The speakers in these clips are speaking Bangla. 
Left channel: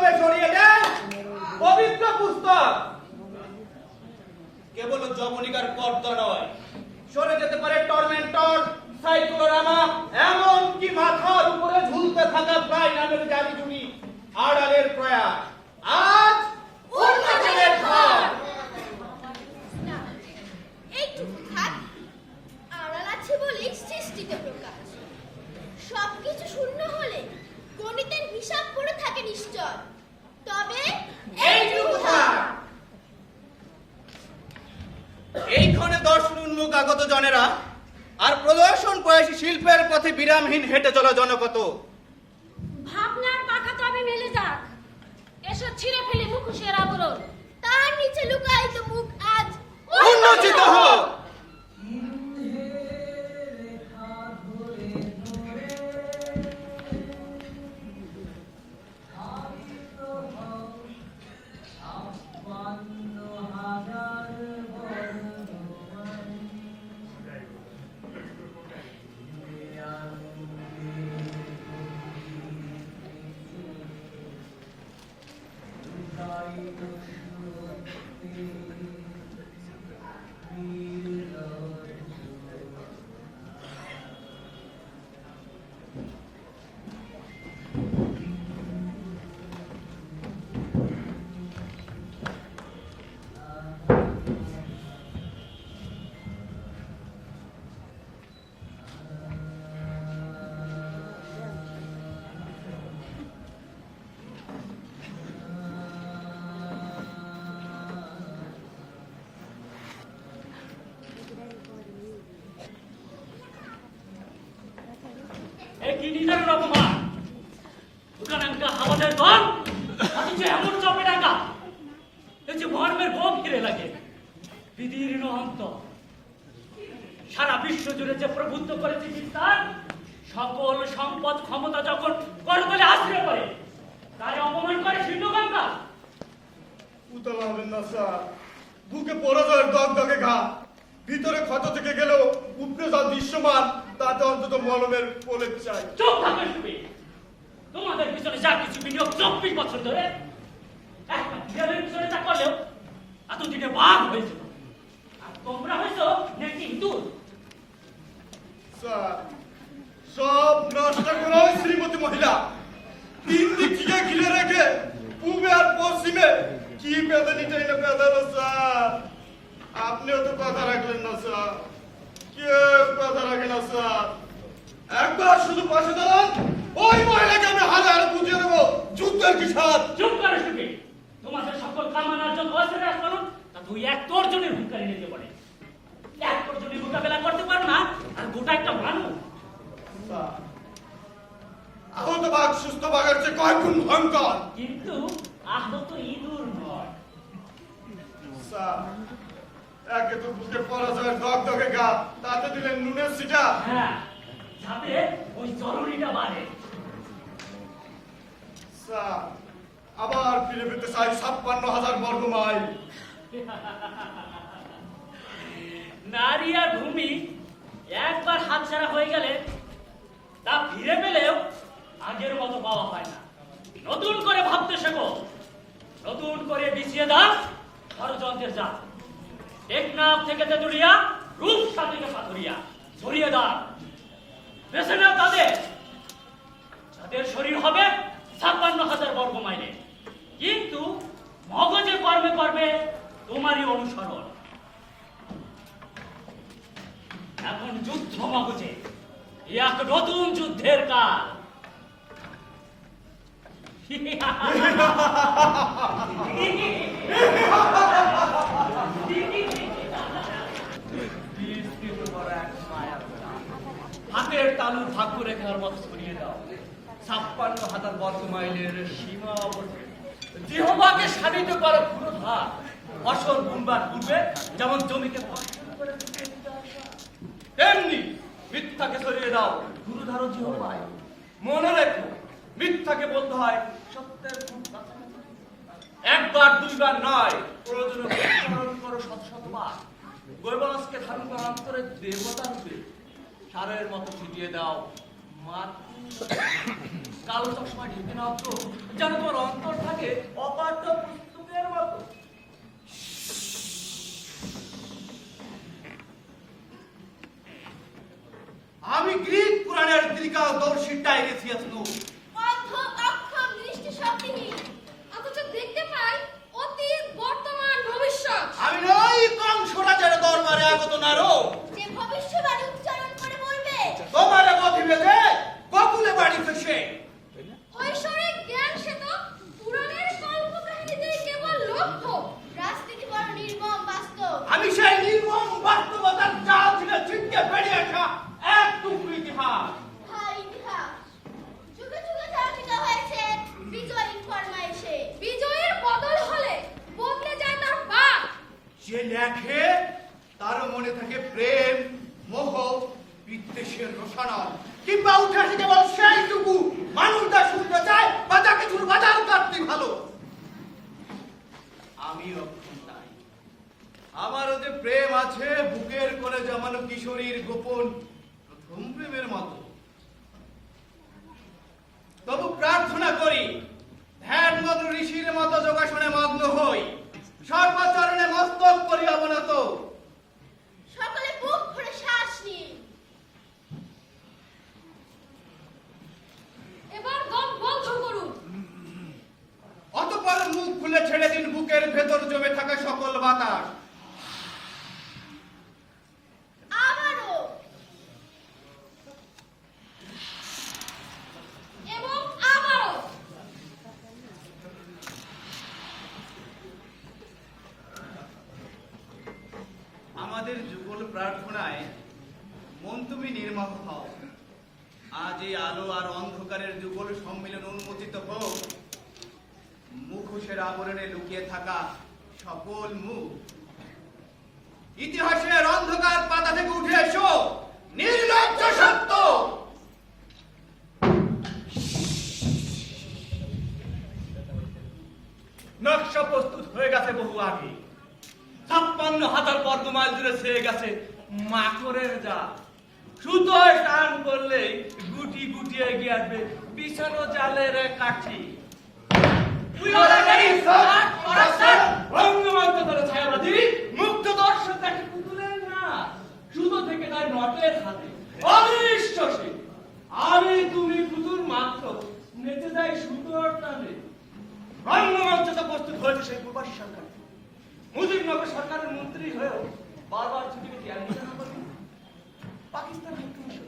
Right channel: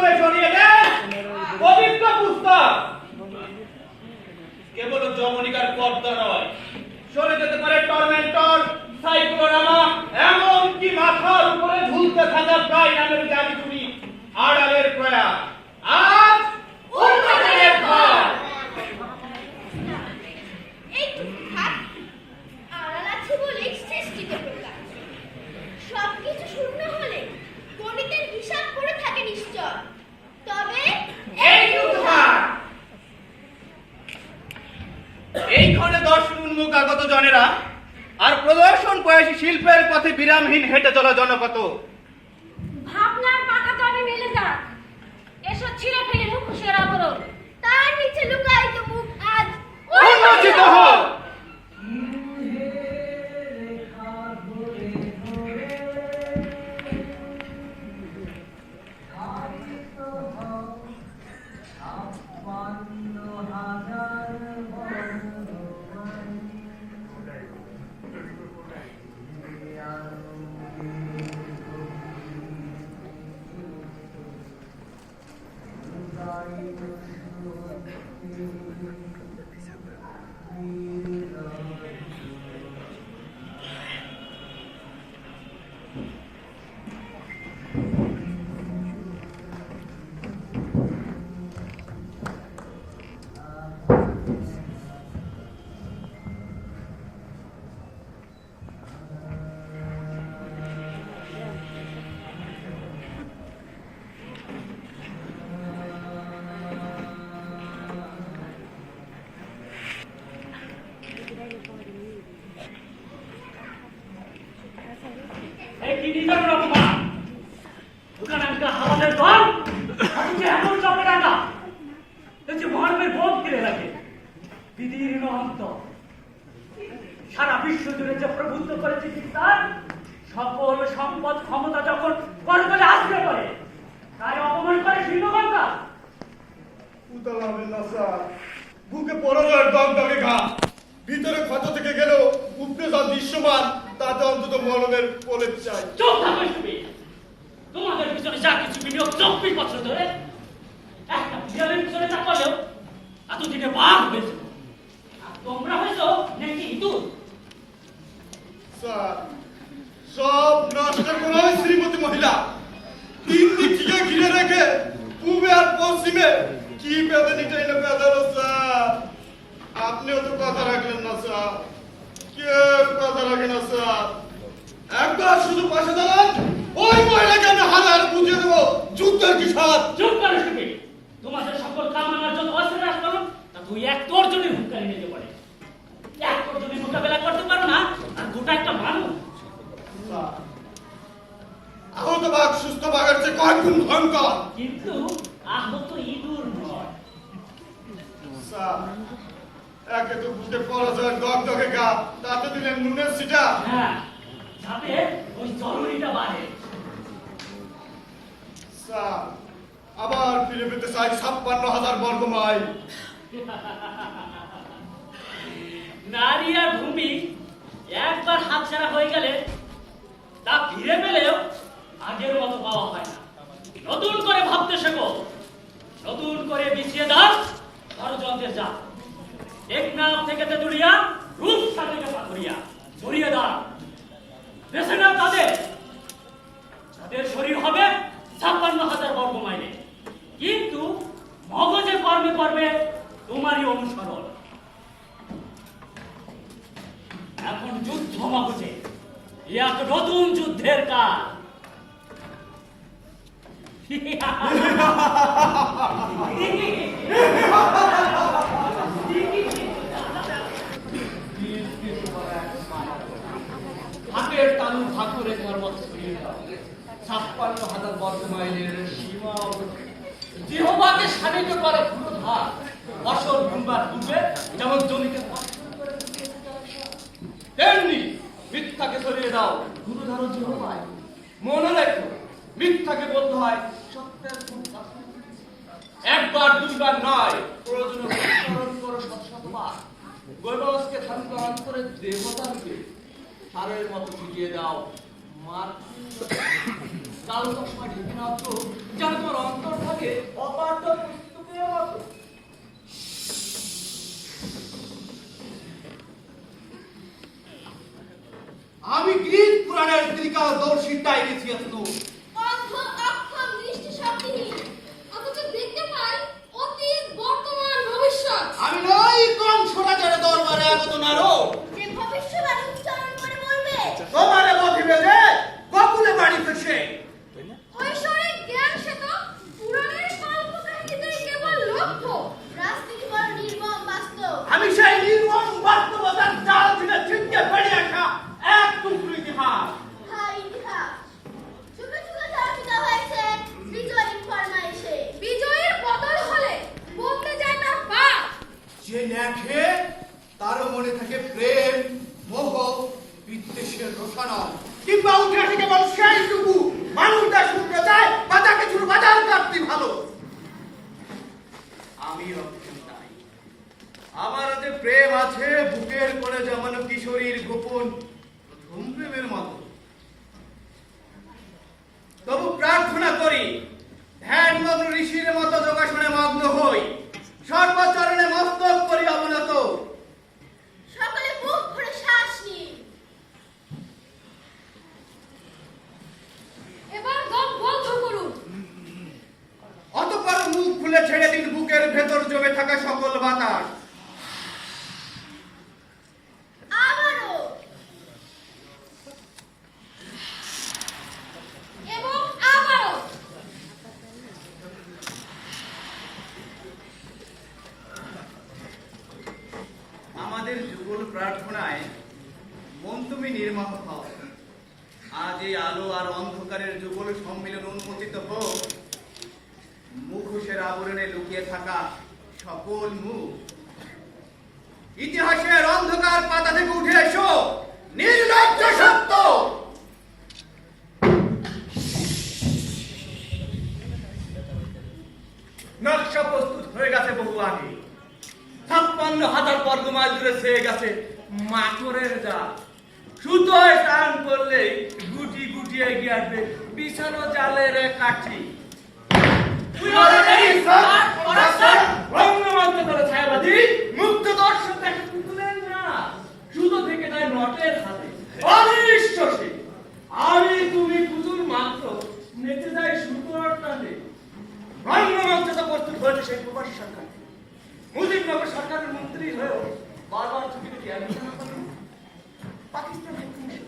কলমে জড়িয়ে দেন পবিত্র পুস্তক। কেবল জবনিকার পর্দা নয়, সরে যেতে পারে টর্মেন্টর, সাইক্লোরামা, এমনকি মাথার উপরে ঝুলতে থাকা প্রায় নামের জানি তুমি আড়ালের প্রয়াস। আজ উন্নয়নের ফল। আড়াল আছে বলে সৃষ্টিতে প্রকাশ। সবকিছু শূন্য হলে গণিতের হিসাব করে থাকে নিশ্চয়। তবে এইখানে দর্শন উন্মুখ আগত জনেরা আর প্রদর্শন বয়সী শিল্পের পথে বিরামহীন হেঁটে চলা জনপদ। ভাবনার পাকা তবে মেলে যাক, এসব ছিঁড়ে ফেলে মুখোশের আবরণ। তার নিচে লুকায়িত মুখ আজ উন্মোচিত হোক। সারা বিশ্ব জুড়ে যে প্রভুত্ব করেছে বিস্তার, সকল সম্পদ ক্ষমতা যখন করতলে আশ্রয় করে, তাই অপমান করে শিল্পকর্তা। উতলা হবেন না স্যার, বুকে পরাজয়ের দগদগে ঘা, ভিতরে ক্ষত থেকে গেলেও উপরে যা দৃশ্যমান তাতে অন্তত মলমের প্রলেপ চাই। চোখ থাকবে তুমি, তোমাদের পিছনে যা কিছু বিনিয়োগ 24 বছর ধরে, একটা বিড়ালের পিছনে যা করলেও এতদিনে বাঘ হয়েছে, আর তোমরা হয়েছো নাকি ইঁদুর। স্যার, সব নষ্ট করা হয় শ্রীমতী মহিলা। 3 দিক থেকে ঘিরে রেখে পূবে আর পশ্চিমে কি বেদনীটাই না বেদালো স্যার। আপনিও তো কথা রাখলেন না স্যার, কেউ কথা রাখে না স্যার। একবার শুধু পাশে দাঁড়ান, ওই মহিলাকে আমি হারে হারে বুঝিয়ে দেবো যুদ্ধের কি স্বাদ। চুপ করো তুমি, তোমাদের সকল কামানার যত অস্ত্রের আস্ফলন তা তুই এক তর্জনের হুঙ্কারি নিতে পারে। এক তর্জনের মোকাবেলা করতে পারো না, আর গোটা একটা মানুষ। আহত বাঘ সুস্থ বাঘের চেয়ে কয়েক গুণ ভয়ঙ্কর। কিন্তু আহত ইঁদুর নয় স্যার। একে তো বুকে পরাজয়ের দগদগে গা, তাতে দিলেন নুনের সিটা। হ্যাঁ, যাতে ওই জরুরিটা বাড়ে। স্যার, আবার ফিরে পেতে চাই 56,000 বর্গ মাইল। নারী আর ভূমি একবার হাতছাড়া হয়ে গেলে তা ফিরে পেলেও আগের মতো পাওয়া হয় না। নতুন করে ভাবতে শেখো, নতুন করে বিছিয়ে দাও ষড়যন্ত্রের জাল। টেকনাফ থেকে তেতুলিয়া, রূপসা থেকে পাথরিয়া ছড়িয়ে দাও। বেছে নাও তাদের, তাদের শরীর হবে 56,000 বর্গ মাইলে, কিন্তু মগজে কর্মে করবে তোমারই অনুসরণ। এখন যুদ্ধ মগজে, এক নতুন যুদ্ধের কাল। হাতের তালু ভাগ্য রেখার মতো ছড়িয়ে দাও 56,000 বর্গ মাইলের সীমা অবধি। জিহ্বাকে শানিত করো পুরোধার, ফসল বুনবার পূর্বে যেমন জমিকে তেমনি মিথ্যাকে সরিয়ে দাও গুরুধারো জিহ্বায়। মনে রেখো, মিথ্যাকে বলতে হয় সত্যের খুব কাছে। একবার দুইবার নয়, প্রয়োজনে উচ্চারণ করো শত শতবার। গৈবাসকে ধারণ করার অন্তরে দেবতা রূপে সারের মতো ছিটিয়ে দাও মার কালো চশমা ঢেকে মাত্র যেন তোমার অন্তর থাকে অপার্থ পুস্তকের মতো। আমি গ্রিক পুরাণের ত্রিকালদর্শী টাইরেসিয়াস নই। অন্ধ অক্ষম দৃষ্টি শক্তিহীন, অথচ দেখতে পাই অতীত বর্তমান ভবিষ্যৎ। আমি নই কংসরাজের দরবারে আগত নারদ, যে ভবিষ্যবাণী উচ্চারণ করে বলবে তোমারে বধিবে যে গোকুলে বাড়ি ফেসে। ঐশ্বরিক জ্ঞান সে তো পুরাণের কল্পকাহিনীতেই কেবল লক্ষ্য। রাজনীতি বড় নির্মম বাস্তব। আমি সেই নির্মম বাস্তবতার জাল থেকে ছিটকে বেরিয়ে আসা এক টুকরো ইতিহাস। হাই ইতিহাস যুগে যুগে চালিত হয়েছে বিজয়ীর ফরমাইশে। বিজয়ের বদল হলে বদলে যায় না বাপ। যে লেখে তারও মনে থাকে প্রেম, মোহ, বিদ্বেষের রসায়ন, কিংবা উঠে আসে কেবল সেইটুকু মানুষটা শুনতে চায় বা তাকে শুরু বাজার কাটতে ভালো। আমিও তাই। আমারও যে প্রেম আছে বুকের কোণে জমানো কিশোরীর গোপন প্রথম প্রেমের মতো। তবু প্রার্থনা করি ধ্যানমগ্ন ঋষির মতো যোগাসনে মগ্ন হই, সর্বচরণে মস্তক করি অবনত। সকলে বুক ভরে শ্বাস নিন। এবার দম বন্ধ করুন। অতঃপর মুখ খুলে ছেড়ে দিন বুকের ভেতর জমে থাকা সকল বাতাস। আবারও এবং আবারও। আমাদের যুগল প্রার্থনায় মন তুমি নির্মম হও। আজ এই আলো আর অন্ধকারের যুগল সম্মিলন উন্মোচিত হোক। মুখোশের আবরণে লুকিয়ে থাকা সকল মুখ। ইতিহাসের অন্ধকার পাতা থেকে উঠে এসো, নির্লজ্জ সত্য। নকশা প্রস্তুত হয়ে গেছে বহু আগে। 56,000 বর্গমাইল জুড়ে ছেয়ে গেছে মাকড়ের জাল। সুতোয় টান করলেই গুটি গুটি এগিয়ে আসবে বিছানো জালের কাঠি। রঙ্গমঞ্চ করে ছায়াবাদী মুক্ত দর্শক দেখে পুতুলের না, সুতো থেকে তাই নটের হাতে অনিশ্চসী। আমি তুমি পুতুল মাত্র নেচে যায় সুতোর টানে। রঙ্গমঞ্চটা প্রস্তুত হয়েছে সেই প্রবাসী সরকার। মুজিবনগর সরকারের মন্ত্রী হয়েও বারবার ছুটিকে জ্ঞান দিতে না পারে। পাকিস্তান হাইকমিশন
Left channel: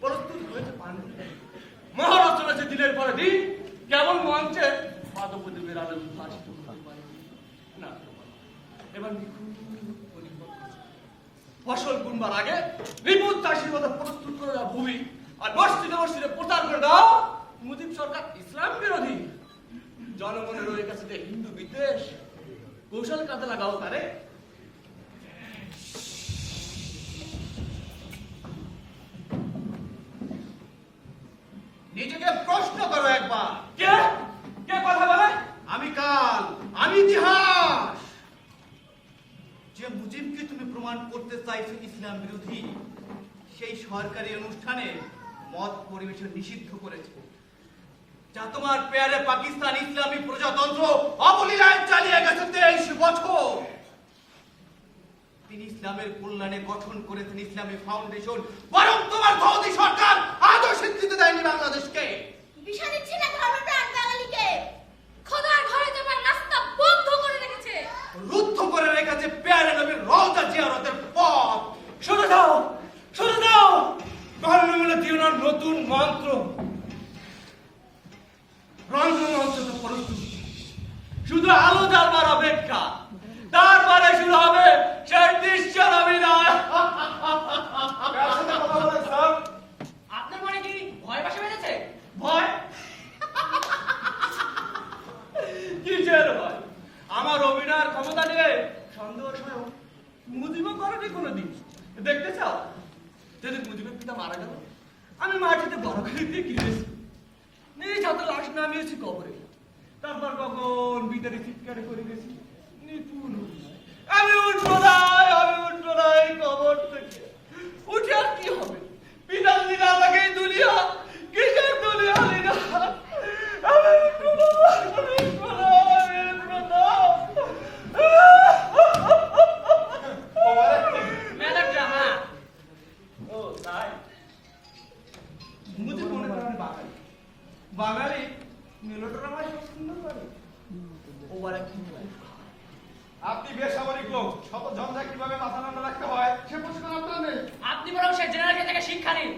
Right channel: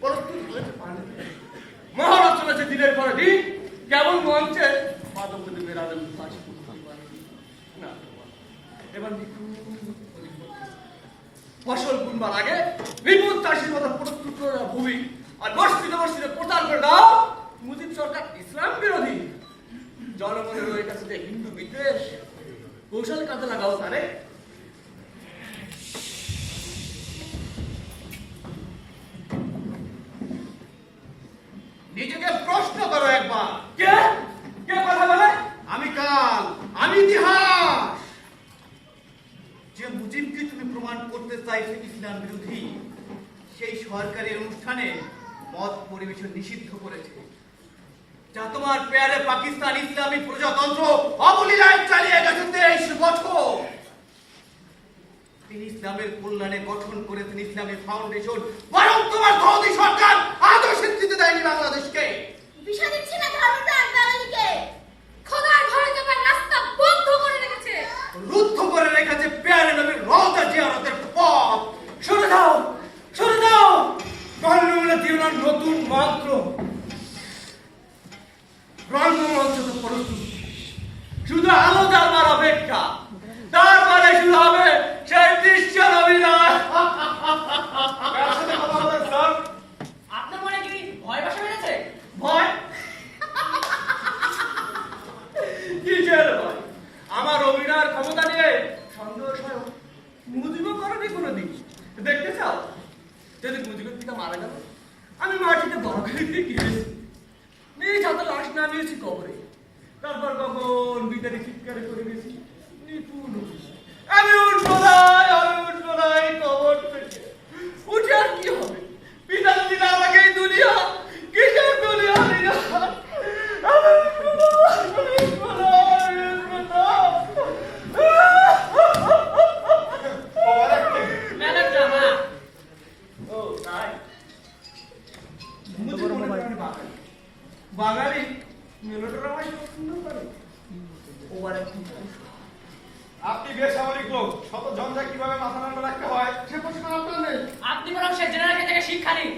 প্রস্তুত হয়েছে পানি। মহারাজ চলেছে দিনের পরে দিন, কেবল মঞ্চে পাদপ্রদীপের আলো ফাঁসি করতে পারে না। এবার ফসল বুনবার আগে বিপুল চাষির মতো প্রস্তুত করে দাও ভূমি, আর বস্তিতে বস্তিতে প্রচার করে দাও মুজিব সরকার ইসলাম বিরোধী। জনগণের রয়ে গেছে যে হিন্দু বিদ্বেষ, কৌশল কাজে লাগাও তারে। নিজেকে প্রশ্ন করো একবার। কে কে কথা বলে? আমি কাল, আমি ইতিহাস। যে মুজিবকে তুমি প্রমাণ করতে চাইছে ইসলাম বিরোধী, সেই সরকারি অনুষ্ঠানে মদ পরিবেশন নিষিদ্ধ করেছে, যা তোমার পেয়ারে পাকিস্তান ইসলামী প্রজাতন্ত্র অবলীলায় চালিয়ে গেছে 23 বছর। তিনি ইসলামের কল্যাণে গঠন করেছেন ইসলামী ফাউন্ডেশন, বরং তোমার সৌদি সরকার আজও স্বীকৃতি দেয়নি বাংলাদেশকে। বিষা দিচ্ছে না ধর্মপ্রাণ বাঙালিকে। খোদার ঘরে যাবার রাস্তা বন্ধ করে রেখেছে। রুদ্ধ করে রেখেছে পেয়ারে নবীর রওজা জিয়ারতের পথ। সরে দাও, সরে দাও। রঙ্গমঞ্চে জীবনের নতুন মন্ত্র। রঙ্গমঞ্চ তো প্রস্তুত, শুধু আলো জ্বালবার অপেক্ষা। তারপরে শুরু হবে সেই দৃশ্যের অভিনয়। আপনার মনে কি ভয় বাসা বেঁধেছে? ভয়? কিসের ভয়? আমার অভিনয়ের ক্ষমতা নিয়ে সন্দেহ সহ মুজিবও করেনি কোনোদিন। দেখতে চাও? যেদিন মুজিবের পিতা মারা গেল, আমি মাটিতে বড় করে দিয়ে গিয়েছি, নিজ হাতে লাশ নামিয়েছি কবরে। তারপর কখন বিদারি চিৎকারে করে গেছি নিপুণ অভিনয়। আমি উঠবো না এই কবর থেকে। উঠে আর কি হবে? পিতা দিন আমাকে মুজি মনে করেন বাঙালি বাঙালি মেলোড্রামায় পছন্দ করে ওবার একটু আপনি বেসামরিক লোক শত ঝঞ্ঝা কিভাবে মাথা ঠান্ডা রাখতে হয় সে প্রশ্ন আপনার নেই আপনি বরং সে জেনারেল থেকে শিক্ষা নিন।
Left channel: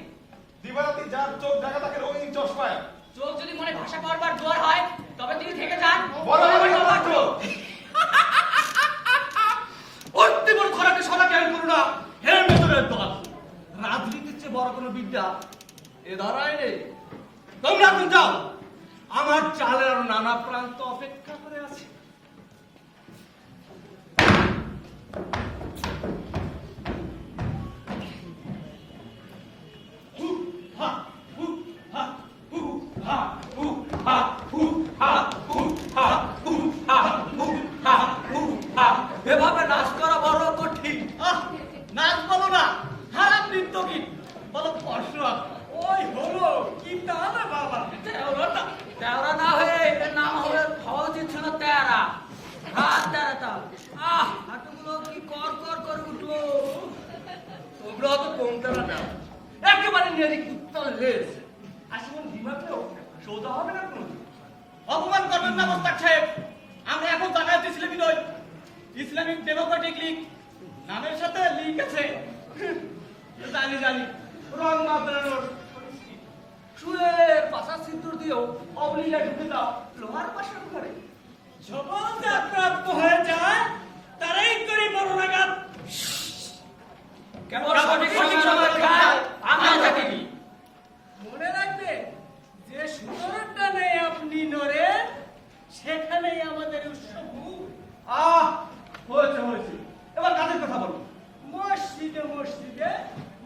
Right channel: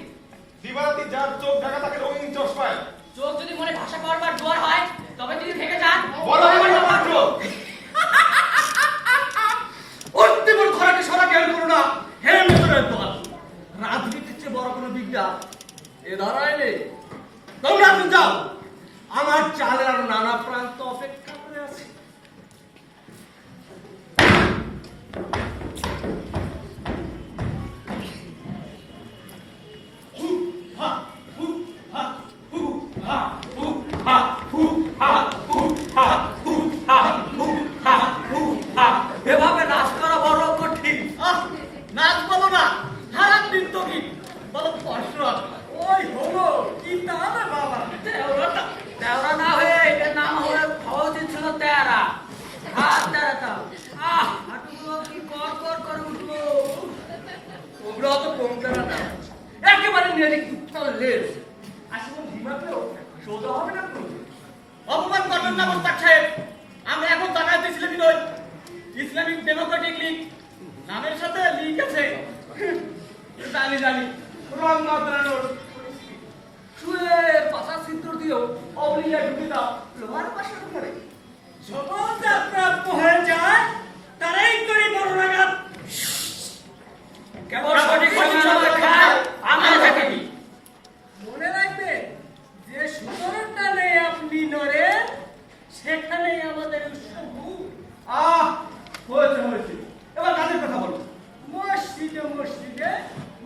দিবারাতি যার চোখ ঢাকা থাকে রঙিন চশমায় চোখ যদি মনে ভাষা করবার জোয়ার হয় তবে তিনি থেকে যান। বড় হয় মাত্র অত্যবর ঘোড়াকে সরা জ্ঞান করো না হেলমেটের দল রাজনীতির চেয়ে বড় কোনো বিদ্যা এ ধারায় নেই তোমরা এখন যাও আমার চালের আরো নানা প্রান্ত অপেক্ষা করে আছে এভাবে নাচ করা বড় কঠিন নাচ বলো না হারাম নৃত্য গীত বলো কষ্ট ওই হলো কি তাহলে বাবা তেওরা না হয়ে এর নাম হয়ে হওয়া উচিত ছিল তেরা। হাত তেরাতাম হাঁটুগুলো কি কর কর করে উঠলো। তোমরা তো কমতারা না একেবারে নেড়ি কুত্তার লেজ আসলে দিমাগেও সোজা হবে না কোনো অপমান করবেন না মোস্তাক সাহেব। আমরা এখন জানাতে ইসলামী নই, ইসলামিক ডেমোক্রেটিক লীগ নামের সাথে লিঙ্ক আছে। জানি জানি রং মাত্রানোর শুয়ে পাশা সিদ্ধর দিয়েও অবলিয়া ঢুকে দাও লোহার পাশার উপরে যখন প্রাপ্ত হয়ে যায় তারাই করি বড় নাগাদ। কেমন সঠিক সময় খায় আমরা থাকি মনে রাখবে যে সুতরটা নেই আপনি নড়েন সেখানেই আমাদের উৎসব। হয়েছে হয়েছে এবার কাদের কথা বলো মসজিদে মসজিদে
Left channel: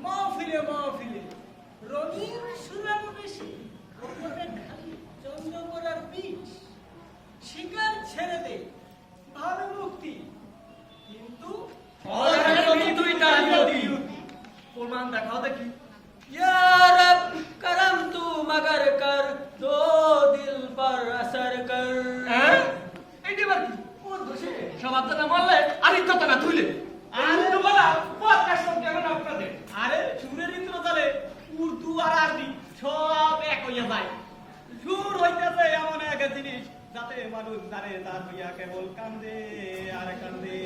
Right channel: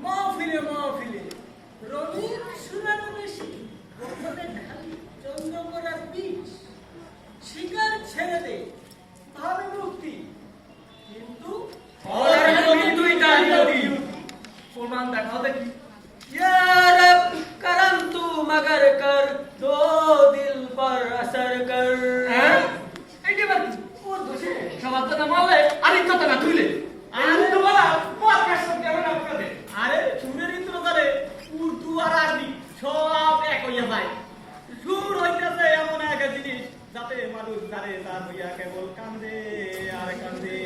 মাহফিলে মাহফিলে রঙিন সুরানো বেশি গোপনে ঢালি চন্দ্র করার বীজ শিকার ছেড়ে দে ভাবে মুক্তি কিন্তু প্রমাণ দেখাও দেখি करम तू मगर कर दो दिल पर असर कर। সবার তো না মারলে আরেক কথা না তুইলে উর্দু বলা পডকাস্ট কেমন আপনাদের আরে সুরের ইন্দ্রজালে উর্দু আর আরবি সব এক হইয়া যায়। সুর হইতেছে এমন এক জিনিস যাতে মানুষ জানে তার হইয়া কেবল কান্দে আর কান্দে।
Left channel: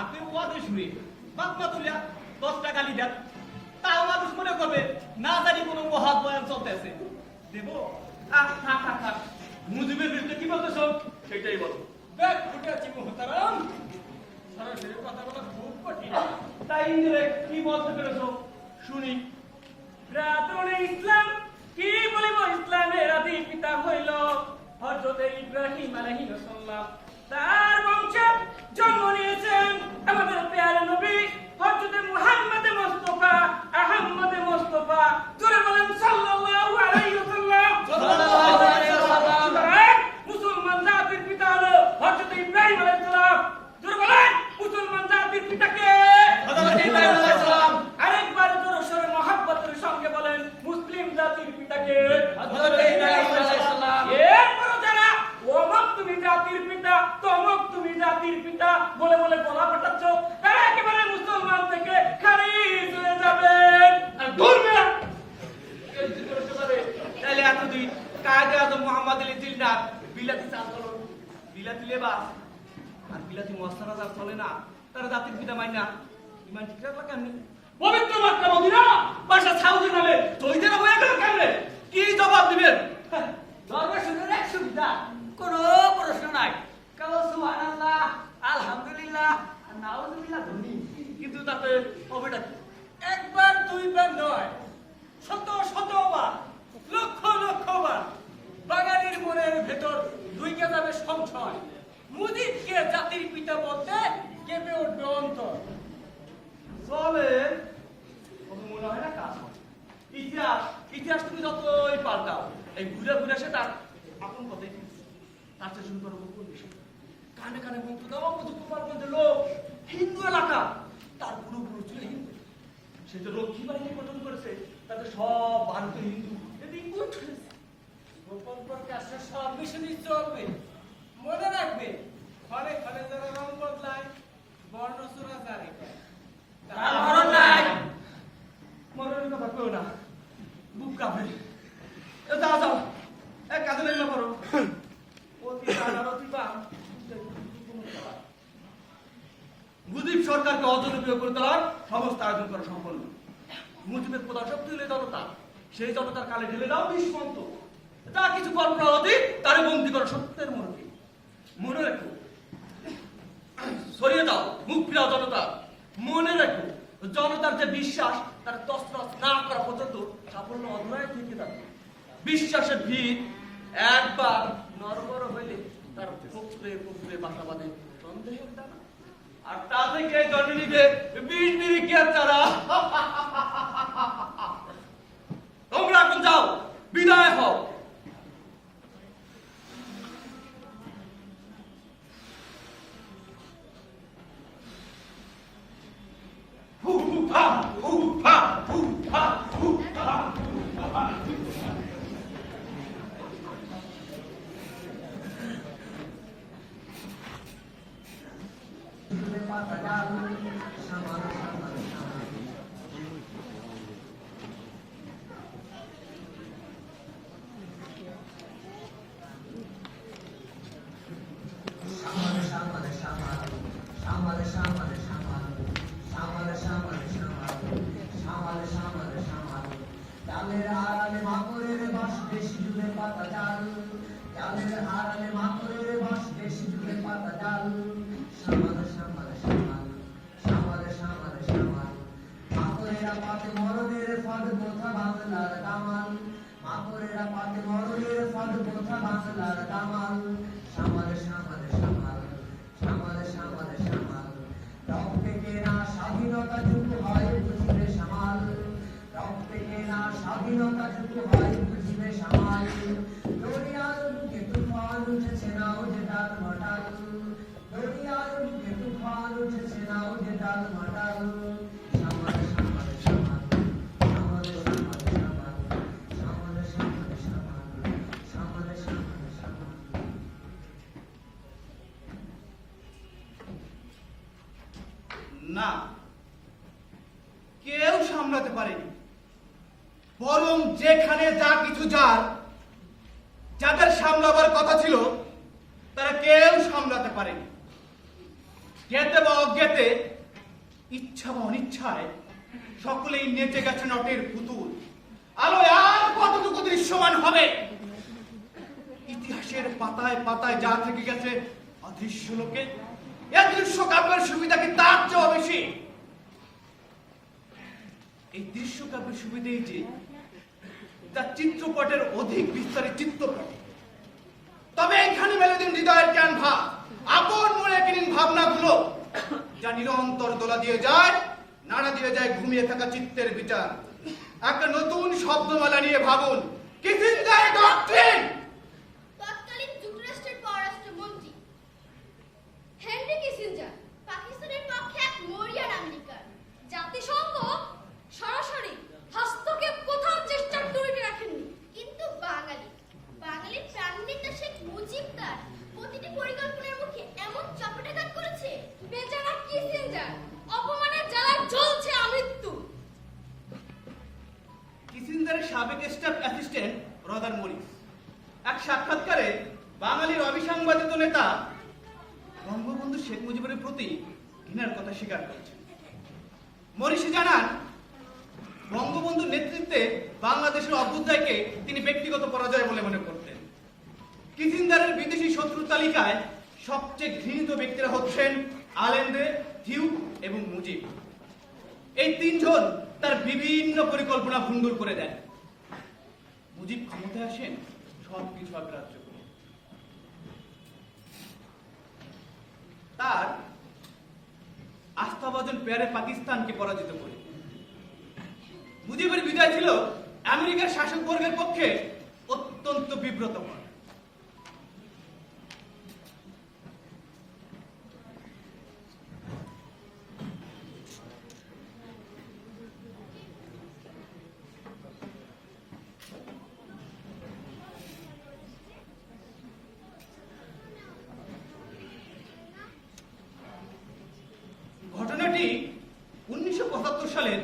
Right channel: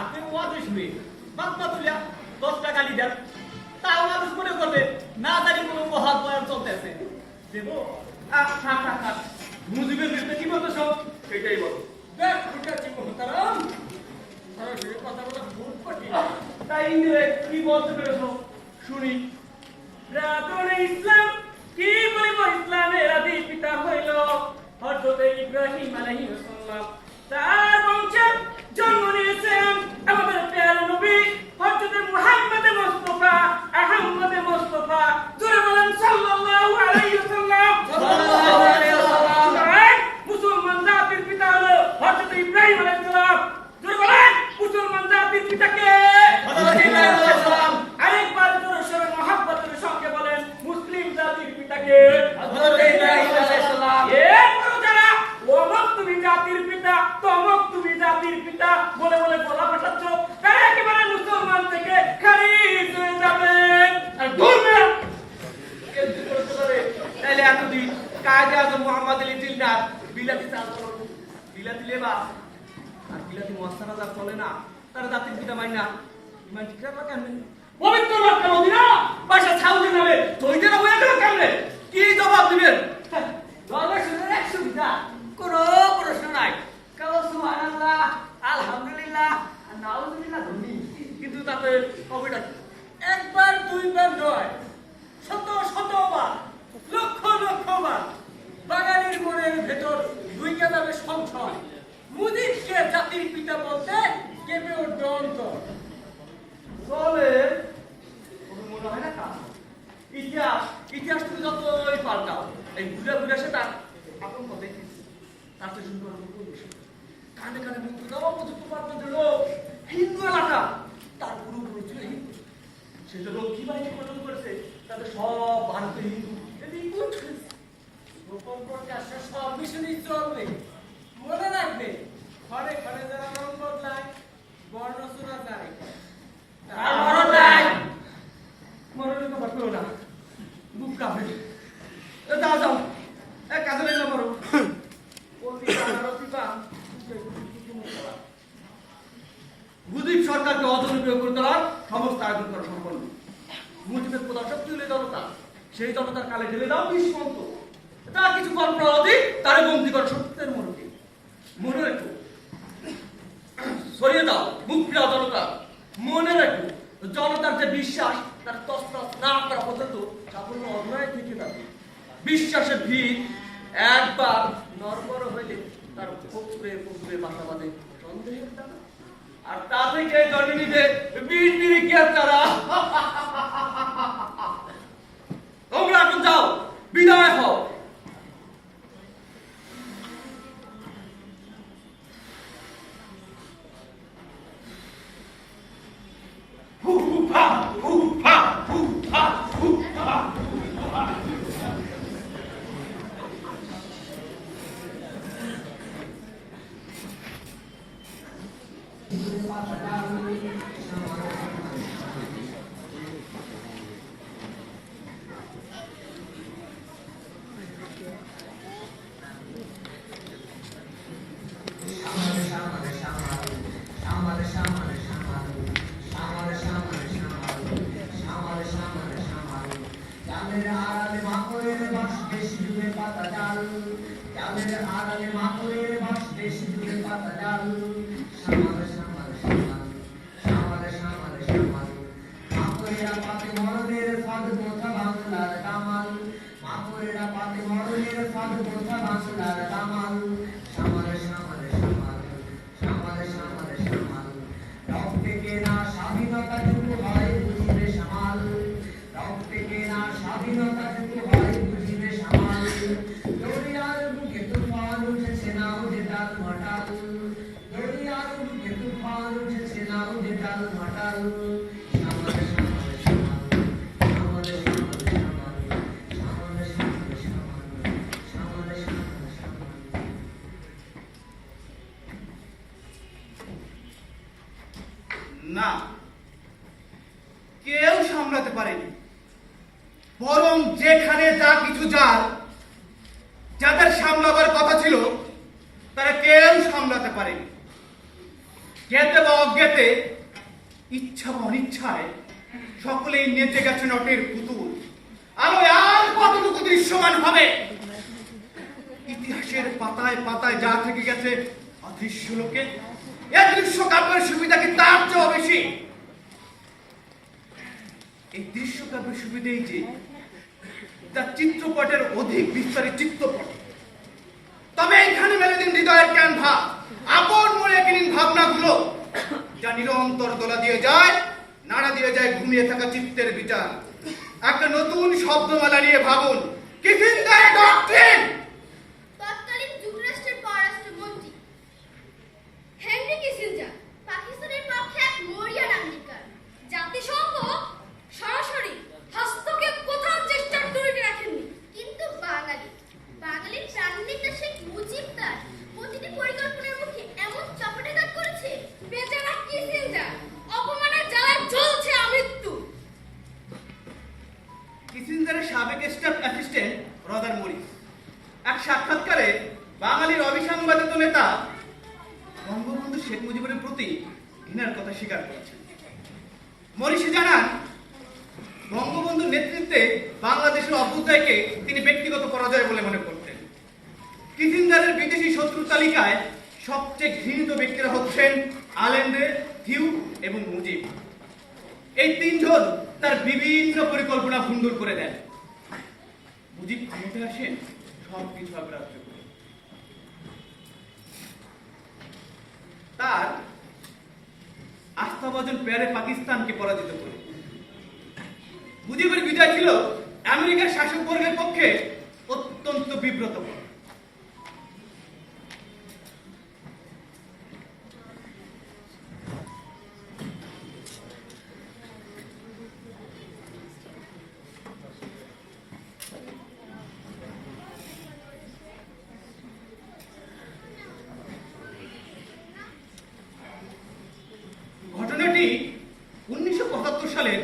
আপনি ওয়াজে শুনে বাপ্পা তুলিয়া 10টা গালি দেন, তাও মানুষ মনে করবে না জানি কোনো মহাত বয়ান চলতেছে। দেবো থাক থাক থাক, মুজিবের বিরুদ্ধে কি বলতেছো সেটাই বলো দেখ ফুটেছি মোহতারাম সরাসরি কথা বলা খুব কঠিন। তাই ইংরেজ কি বলতে পেরেছো শুনি। রাতনে ইসলাম কি বলিব ইসলামের আদি পিতা হইল হযরত ইব্রাহিম আলাইহিস সালাম। তার বংশে জন্ম নিয়েছেন আমাদের প্যারা নবী হযরত মুহাম্মদ মুস্তাফা আহমদ মুস্তাফা জোরে বলেন সাল্লাল্লাহু আলাইহি ওয়াসাল্লাম। সাল্লাল্লাহু আলাইহি ওয়াসাল্লাম। মুসলমান জাতির পিতা হলো হযরত ইব্রাহিম আলাইহিস সালাম। জোরে বলেন মুসলমান জাতির পিতা কে? হযরত ইব্রাহিম আলাইহিস সালাম। আরেকবার জোরে সোরে মহব্বতের সঙ্গে বলেন মুসলিম জাতির পিতা কে? হযরত ইব্রাহিম আলাইহিস সালাম। এরপরও যারা অমক তুমি জাতির পিতা তমক তুমি জাতির পিতা বলে বলে বলা পাঠাচ্ছ তারা একেবারে মুসলমান থেকে খারিজ হয়ে যাবেন। আর দূর না কেমন করতে পারে তাহলে এতদিন কায়দে আজম মোহাম্মদ আলী জিলদার বিলাতি আন্দোলন বিলাতি লেবাস আর বিলাতি মস্তানা যার চলে না তারা জাতির পিতা মাই না ইমান ঠিক রাখলা কেন পবিত্র মক্কা মদিনা বাসা সাউদি নামে শহীদেরা হয়ে গেল কেমনে কি জবাব দিবেন দরবার শুনে এক সুবিধা কোনো প্রশ্ন নাই কাল সুবহানাল্লাহ আলহামদুলিল্লাহ আর নাউজুবিল্লাহ ধনী কিন্তু তাতে হবেটা কি একবার দুইবার নয় শত শতবার লক্ষ লক্ষবার বাঙালির মনের ভেতর ঢুইকে যাবে সংশয় মুজিবকে জাতির পিতা বলতে কেঁপে উঠবে অন্তর। চলে তবে মনে হয় না কাজ হবে। ইতিহাস ইতিহাস তুমি যতই পাল্টাও এই ঘুরে ঘুরে সে তার আপন পথে তার চেয়ে শুরু করো কোন বিষয় কানে কানে মন্ত্র দেওয়া উপযুক্ত পারবেন লোক হিন্দু এলাকা তার পুরোপুরি ছিল হিন্দু সে যে লক্ষ্মী বাহিনী গঠন করেছে তাদের সব ভারতীয় হিন্দু এদিক উঠে গোপন প্রকাশ্যে সব মিশনই চলবে। মনে রাখবে ঘরে ঘরে যারা রং বদলায় বর্ণচূড়া জারে তার মরণ নাই মরণের কথা কেউ না বুক কাঁপে। যাও যাও, কাজে লাগলে পারো। অতি টান আর অতি টান, মুজিব সরকারকে অজনপ্রিয় করে তোলার সমস্ত আয়োজন করা সম্পন্ন। মুজিবের প্রধান শক্তি হলে জনতা, সেই জনতার কালে ঢেলে দাও বিষমন্ত। যা কিছু কল্পনা অতীত তারে বন্দি করো সত্যের মোড়কে। মনে রেখো, সরিয়ে দাও মুখ ফিরাও জনতা। মনে রেখো, জনতার যে বিশ্বাস তার তছনছ না করা পর্যন্ত সাফল্য অধরায় থেকে যাবে। বিশ্বাসের ভিত একবার নড়বড় হইলে তার পুকুরে পুকুরে বাসা বাঁধে সন্দেহের দানা, আর তা থেকে জন্মে নিবে বীর নিরীক্ষের তারা। তোমরা এখন যাও, বিদায় হও। না, কেউ সামলাতে পারেনি। বরং যেখানে যা কিছু যার যাদের সামলাবার কথা ছিল তারা কেউ সামলাতে পারেনি। জ্ঞাতে বা অজ্ঞাতে, ইচ্ছা বা অনিচ্ছায় সকলেই নেচে গেছে নটের পুতুল। আলোয় আর কতটুকু দৃশ্যমান হবে? ইতিহাসের পাতায় পাতায় যা থেকে গেছে অদৃশ্য লোকে, এই দৃশ্য কাব্যের সুবিধা কি তার চেয়েও বেশি? এই দৃশ্য কাব্যের সুবিধেই যে তার চিত্রপটের অধিক বিস্তারিত চিত্রপট। তবে এখানে মেলে দিন হৃদয়ের ক্যানভাস, আপন মনে কিনিন ভাবনাগুলো, যা নিরন্তর দোলা দিয়ে যায়, নাড়া দিয়ে যায় ঘুমিয়ে থাকা চিত্তের বিচার। একটা নতুন শব্দমালা নিয়ে ভাবুন, কিসিঞ্জার ডক্ট্রিন। তৎকালীন যুক্তরাষ্ট্রের পররাষ্ট্রমন্ত্রী হেনরি কিসিঞ্জার পাকিস্তানের পক্ষে এক মরিয়ান আঙ্গীকার। জাতিসংঘ সরাসরি হস্তক্ষেপ কোথাও চেষ্টার তৈরি রাখেনি, কিন্তু বাঙালির প্রাণনেতা শেখ মুজিব তার প্রতিটি পরিকল্পনার মুখে এমন চপেটাঘাত করেছে, বেচারা কিসিঞ্জার অপমানের জ্বালায় জ্বলছে আমৃত্যু। কিসিঞ্জারের সাবেক স্টাফ অ্যাসিস্ট্যান্ট রদার মরিস এক সাক্ষাৎকারে বাঙালির অবিসংবাদিত নেতা বঙ্গবন্ধু শেখ মুজিবের প্রতি ঘৃণার কথা স্বীকার করেছেন। মরিসি জানান, বঙ্গবন্ধুর নেতৃত্বে বাংলাদেশের অভ্যুদয়কে তিনি ব্যক্তিগত পরাজয় বলে মনে করতেন। কিসিঞ্জারের বিদেশি শত্রু তালিকায় সবচেয়ে ঘৃণিত ব্যক্তিরা হচ্ছেন আলেন্দ্রে, থিউ এবং মুজিব। এই তিনজন তার বিভিন্ন পরিকল্পনা ভণ্ডুল করে দেন। মুজিব ক্ষমতায় আসেন সবকিছু অগ্রাহ্য করে। তার আস্থাভাজন প্যারে পাকিস্তানকে পরাজিত করে। মুজিবের বিজয় ছিল আমেরিকার শাসক বর্গের পক্ষে অত্যন্ত বিব্রতকর। ঘটনাটি 1975 সালের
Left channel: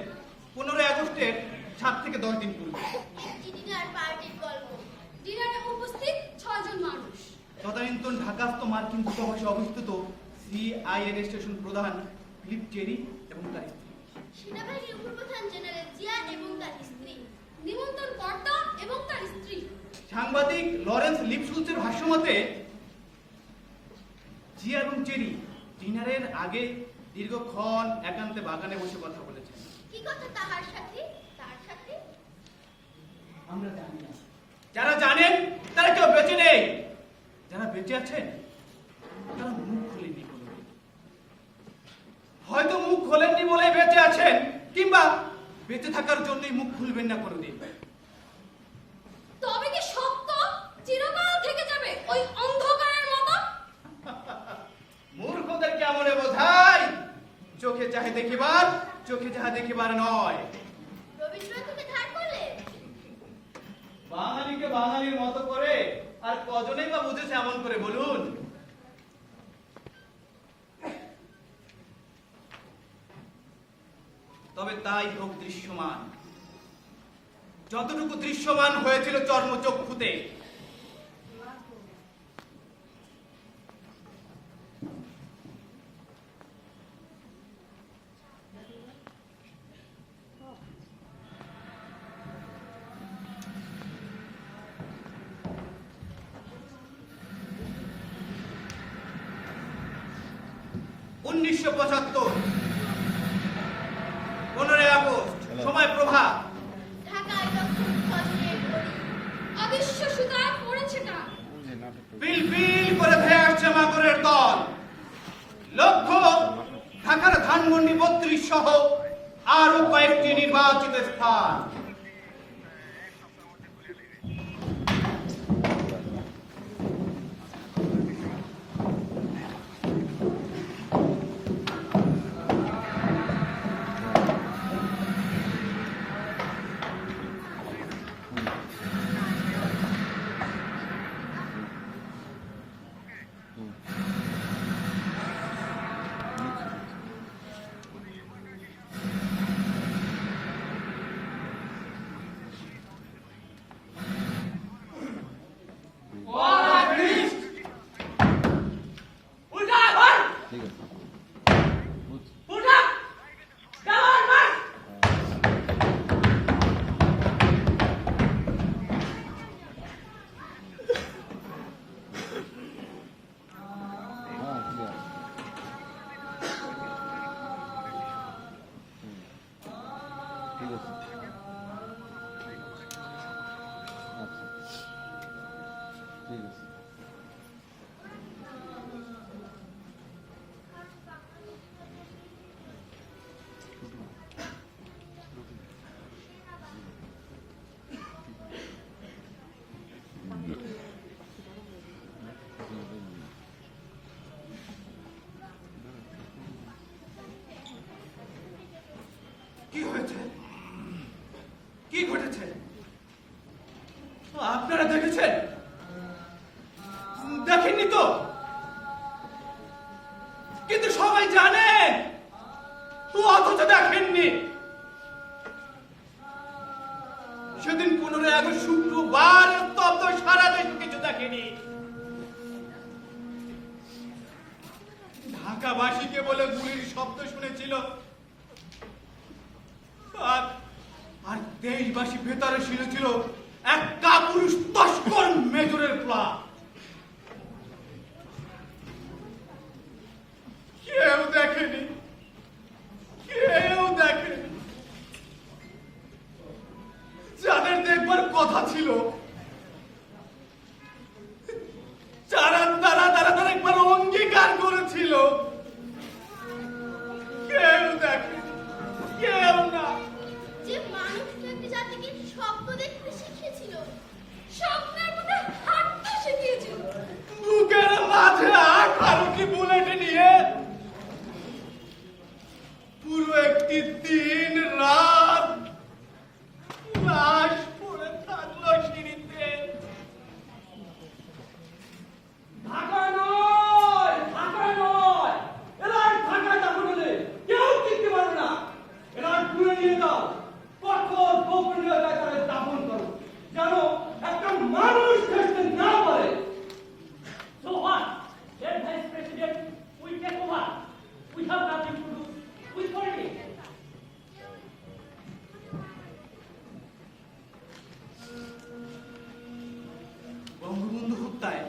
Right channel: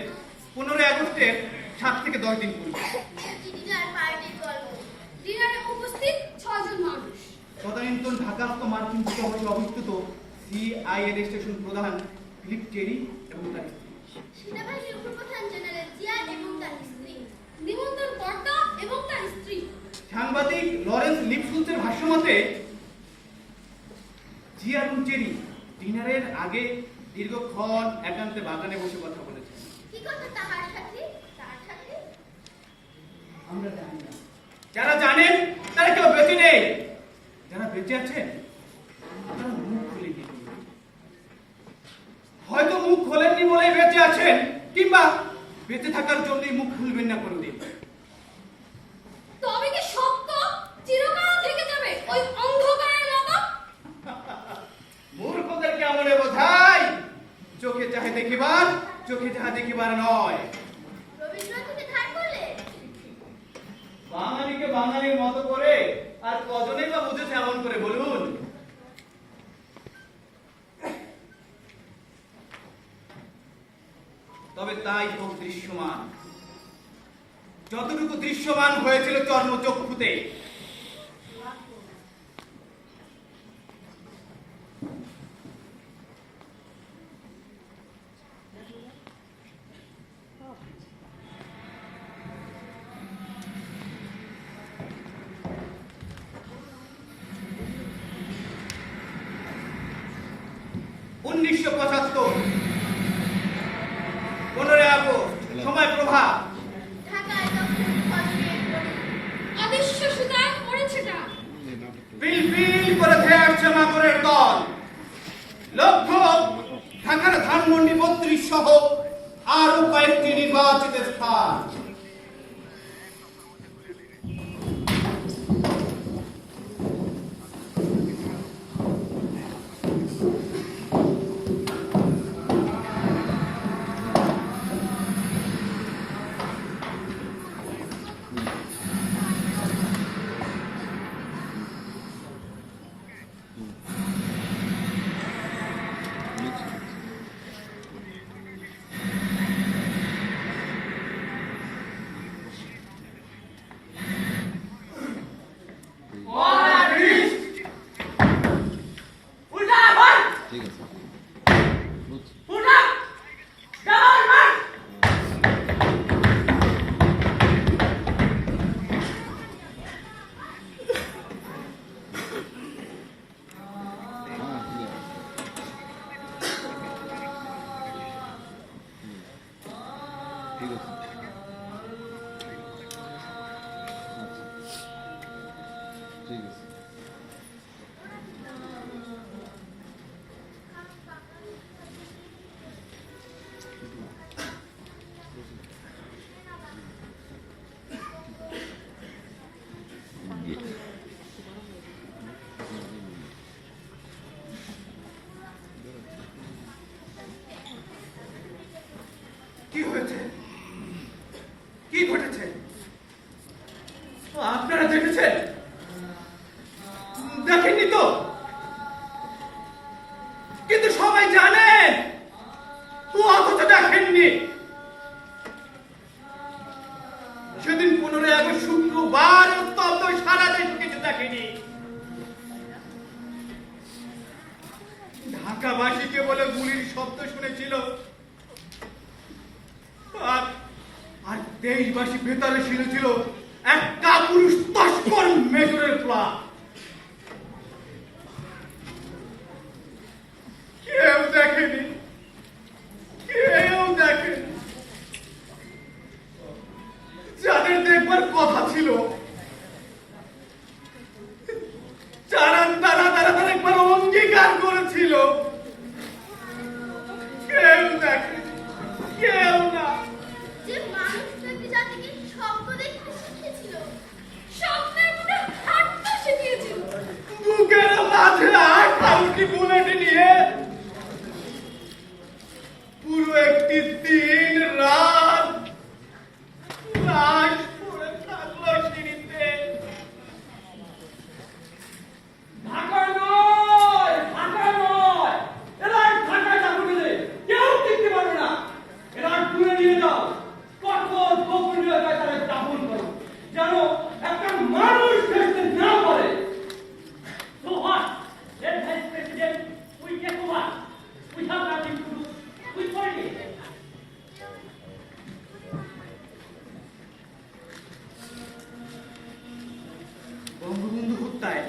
15 আগস্টের 7 থেকে 10 দিন পূর্বে। ডিনার পার্টির গল্প। ডিনারে উপস্থিত 6 জন মানুষ। তদানীন্তন ঢাকাস্থ মার্কিন দূতাবাসে অবস্থিত সিআইএ স্টেশন প্রধান ফিলিপ টেরি এবং তার স্ত্রী, সেনাবাহিনীর উপপ্রধান জেনারেল জিয়া এবং তার স্ত্রী, নিমন্ত্রণ কর্তা এবং তার স্ত্রী। সাংবাদিক লরেন্স লিপসুলসের ভাষ্যমতে জিয়া এবং টেরি ডিনারের আগে দীর্ঘক্ষণ একান্তে বাগানে বসে কথা বলেছেন। কি কথা তাহার সাথে? তার সাথে আমরা জানি না। যারা জানেন তারা কেউ বেঁচে নেই, যারা বেঁচে আছেন তারা মুখ খুলেননি কোনোদিন। হয়তো মুখ খোলেননি বলেই বেঁচে আছেন, কিংবা বেঁচে থাকার জন্যই মুখ খুলবেন না কোনোদিন। তবে কি সত্য চিরকাল থেকে যাবে ওই অন্ধকারের মতো? মূর্খদের কেমনে বোঝায়? চোখে চাহে দেখিবার, চোখে যাহা দেখিবার নয়। রবীন্দ্রনাথ থেকে ধার করলে বাঙালিকে বাঙালির মতো করে আর কজনেই বা বুঝেছে এমন করে বলুন? তবে তাই হোক দৃশ্যমান, যতটুকু দৃশ্যমান হয়েছিল চর্মচক্ষুতে। উনিশশো 75 15 আগস্ট, সময় প্রভাত। ঢাকায় তখন ফজরের ঘড়ি। অদৃশ্য সুতায় পড়েছে না। পিল পিল করে ধেয়ে আসছে মাকড়ের দল। লক্ষ্য ঢাকার ধানমন্ডি 32 সহ আরো কয়েকটি নির্বাচিত স্থান। কি হয়েছে? কি ঘটেছে? আপনারা দেখেছেন? দেখেননি তো? কিন্তু সবাই জানেন, অথচ দেখেননি। সেদিন 15 আগস্ট শুক্রবার, স্তব্ধ সারা দেশ, কিছু দেখেনি। ঢাকাবাসীকে বলে গুলির শব্দ শুনেছিল, আর দেশবাসী ভেতরে শুনেছিল এক কাপুরুষ তস্কর মেজরের প্লান। কেউ দেখেনি, কেউ দেখেনি। যাদের দেখবার কথা ছিল, তারা একবার অঙ্গীকার করেছিল, কেউ দেখেনি, কেউ না। যে মানুষটাকে জাতিকে স্বপ্ন দেখতে শিখিয়েছিল, স্বপ্নের মধ্যে হাঁটতে শিখিয়েছিল। বুকের মাঝে 18টি বুলেট নিয়ে পুরো একটি দিন রাত লাশ পড়ে থাকলো সিঁড়িতে। ঢাকা নয়, ঢাকা নয়, এরা ঢাকা যাবো কেউ টিকতে পারবে না। এরা দূরে নিয়ে যাও, কঠোর হত্যায়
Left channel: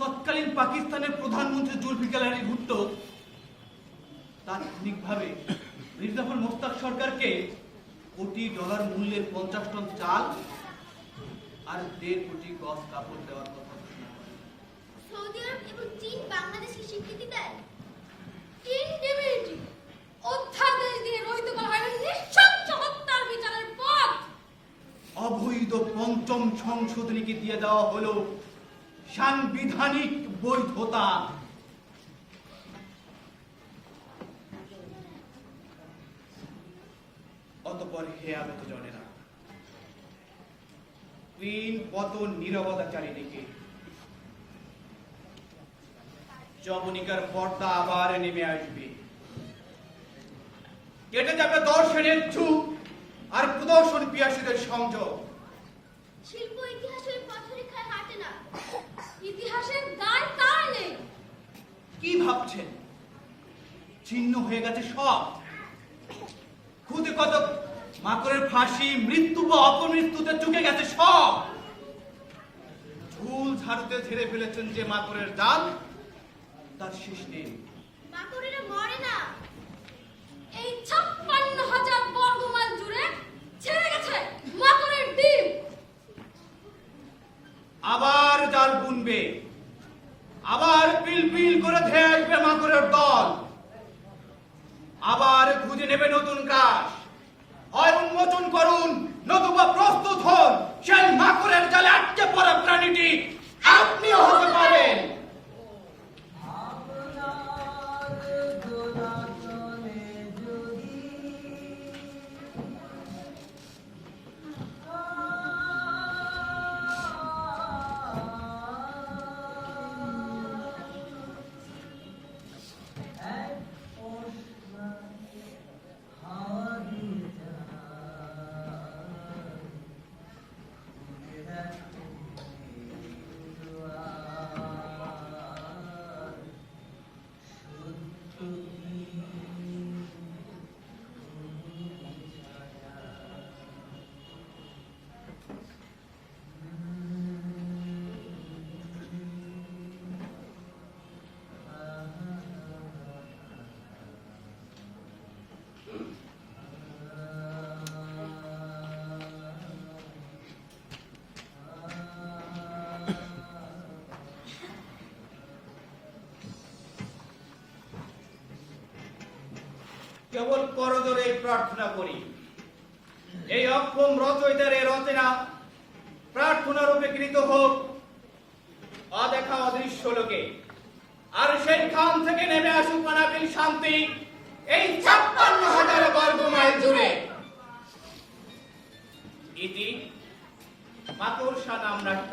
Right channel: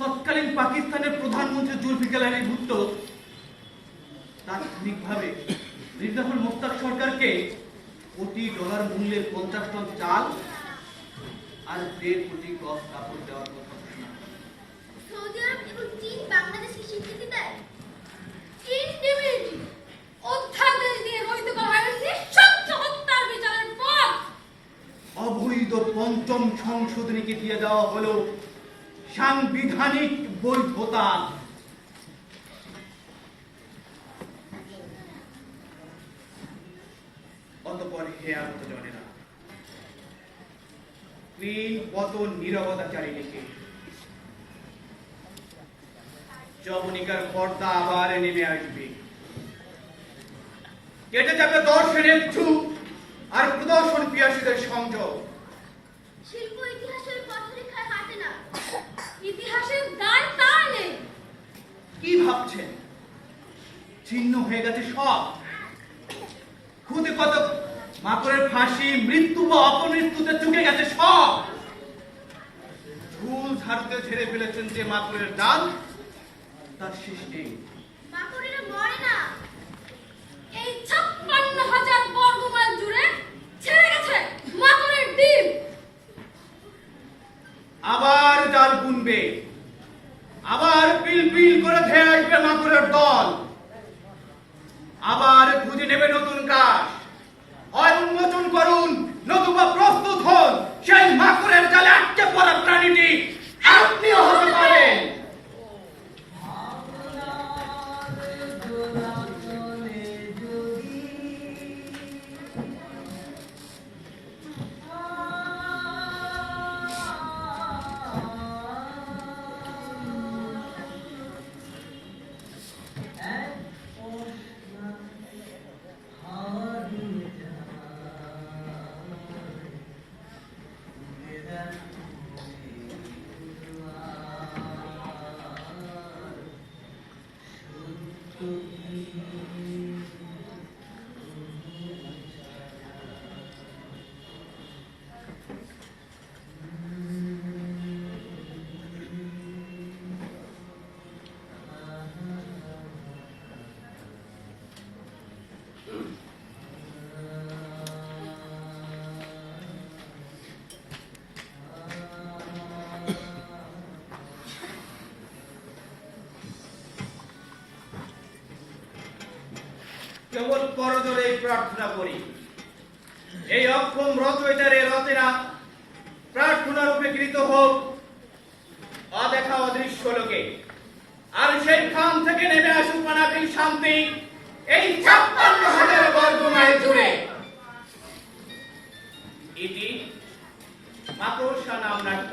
তৎকালীন পাকিস্তানের প্রধানমন্ত্রী জুলফিকার আলী ভুট্টো তাৎক্ষণিকভাবে মীর জাফর মোশতাক সরকারকে কোটি ডলার মূল্যের 50 টন চাল আর 1.5 কোটি গজ কাপড় দেওয়ার কথা ঘোষণা করে। সৌদি আরব এবং চীন বাংলাদেশকে স্বীকৃতি দেয়। ইনডিউটি অধ্যাদেশ দিয়ে রহিত করা হয় নিঃশব্দ হত্যার বিচারের পর। অবৈধ পঞ্চম সংশোধনীকে দিয়ে দেওয়া হলো সাংবিধানিক বৈধতা। অতঃপর হে আগত জনেরা, কুইন কত নীরবতাচারিণীকে যবনিকার পর্দা আবার নেমে আসবে। কেটে যাবে দর্শনের যুগ আর প্রদর্শন পিয়াসীদের সংযোগ। শিল্প ইতিহাসের পথরেখায় হাঁটে না। ইতিহাসের দায় তার নেই। কি ভাবছেন ছিন্ন হয়ে গেছে সব? খুদে কত মাকড়ের ফাঁসি, মৃত্যু বা অপমৃত্যুতে চুকে গেছে সব। ঝুল ঝাড়ুতে ঝেড়ে ফেলেছেন যে মাকড়ের জাল, তার শেষ নেই। মাকড়েরা মরে না। এই 56,000 বর্গ মাইল জুড়ে ছেড়ে গেছে মাকড়ের ডিম। আবার জাল বুনবে, আবার পিল পিল করে ধেয়ে আসবে মাকড়ের দল, আবার খুঁজে নেবে নতুন কাজ। হয় উন্মোচন করুন, নতুবা প্রস্তুত হন সেই মাকড়ের জালে আটকে পড়া প্রাণীটি আপনিও হতে পারেন। কেবল করজোরে প্রার্থনা করি, এই অক্ষম রচয়িতার রচনা প্রার্থনা রূপে কৃত হোক অদেখা অদৃশ্য লোকে, আর সেই খান থেকে নেমে আসুক অনাবিল শান্তি এই 56,000 বর্গ মাইল জুড়ে। ইতি মাকড়সা নাম নাট্য।